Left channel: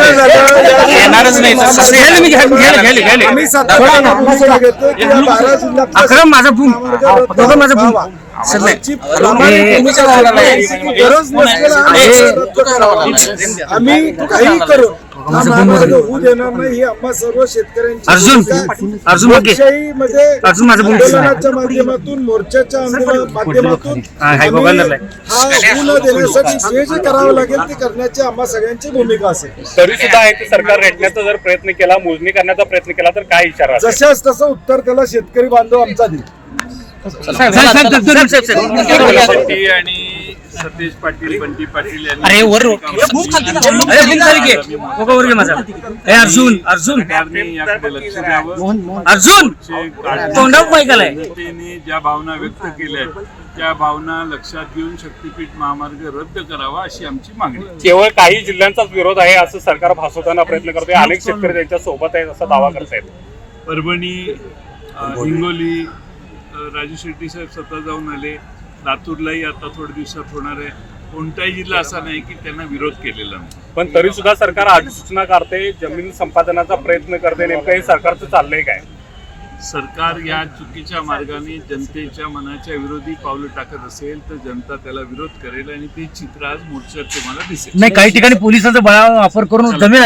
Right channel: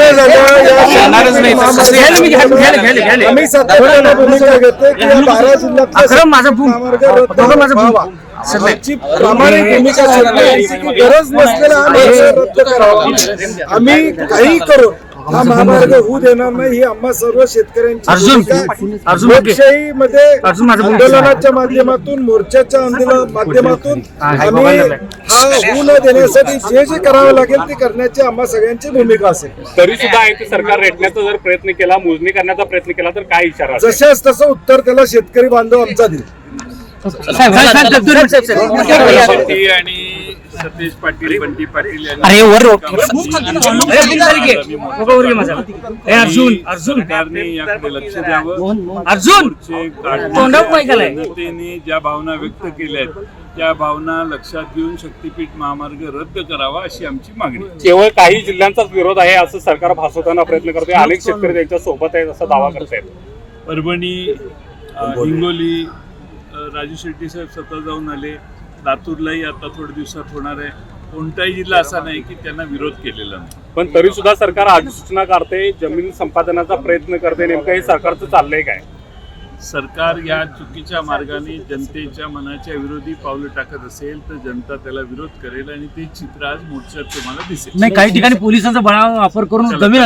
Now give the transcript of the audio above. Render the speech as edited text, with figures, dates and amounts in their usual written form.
येणारच नाही. आम्ही सातत्याने भूमिका घेतोय की या 12 जिल्ह्यातल्या गरज नसलेला रद्द करावा. आम्ही काही करू हा महामार्ग होऊ देणार नाही ही आम्हा सर्व शेतकऱ्यांची लोकशाहीमध्ये आंदोलनाच्या माध्यमातून मोर्चाच्या माध्यमातून आम्ही हा होऊ न देण्यासाठी जे जे करावं लागेल ते करण्याची आम्हा सगळ्यांची भूमिका असेल. तरी सुद्धा आहे सरकार रेटण्याचा जर प्रयत्न केला, मोजणी करण्याचा प्रयत्न केला तर काय इशारा? जशाच तसं उत्तर त्याला शेतकरी बांधव आमचा देईल. आणि सतेज पाटील, बंटी पाटील जनतेने ज्या भावना व्यक्त केल्या त्या भावना लक्षात घेऊन शक्तीपीठ महामार्ग रद्द करावा अशी आमची मागणी. केवळ काही जिल्ह्यांचाच विरोध आहे असं सरकार भासवताना प्रयत्न करतोय. अनेक शेतकरी त्यांच्या सोबत आहेत असा दावा करतायत. परभणी, हिंगोली, राजू शेट्टी साहेब स्वतः जाऊन आले. लातूरलाही आता थोड्या दिवसात होणार आहे. कोणताही जिल्हा असा नाही की त्यांना विरोध केलेला नाही. पण तरी सुद्धा सरकार अधिसूचना काढते, जमीन संपादनाचा प्रयत्न करते. नेमकं हे सरकारचं चाललंय काय? सरकार या चुकीच्या मार्गाने जनतेच्या मनाच्या विरोधी पावलं टाकत असेल तर जनता त्याला विरोध करेल आणि ते चित्र आज मोर्चात तुम्हाला दिसेल. नाही, काही ठिकाणी पोलिसांचा बळावा वापर करून जमीन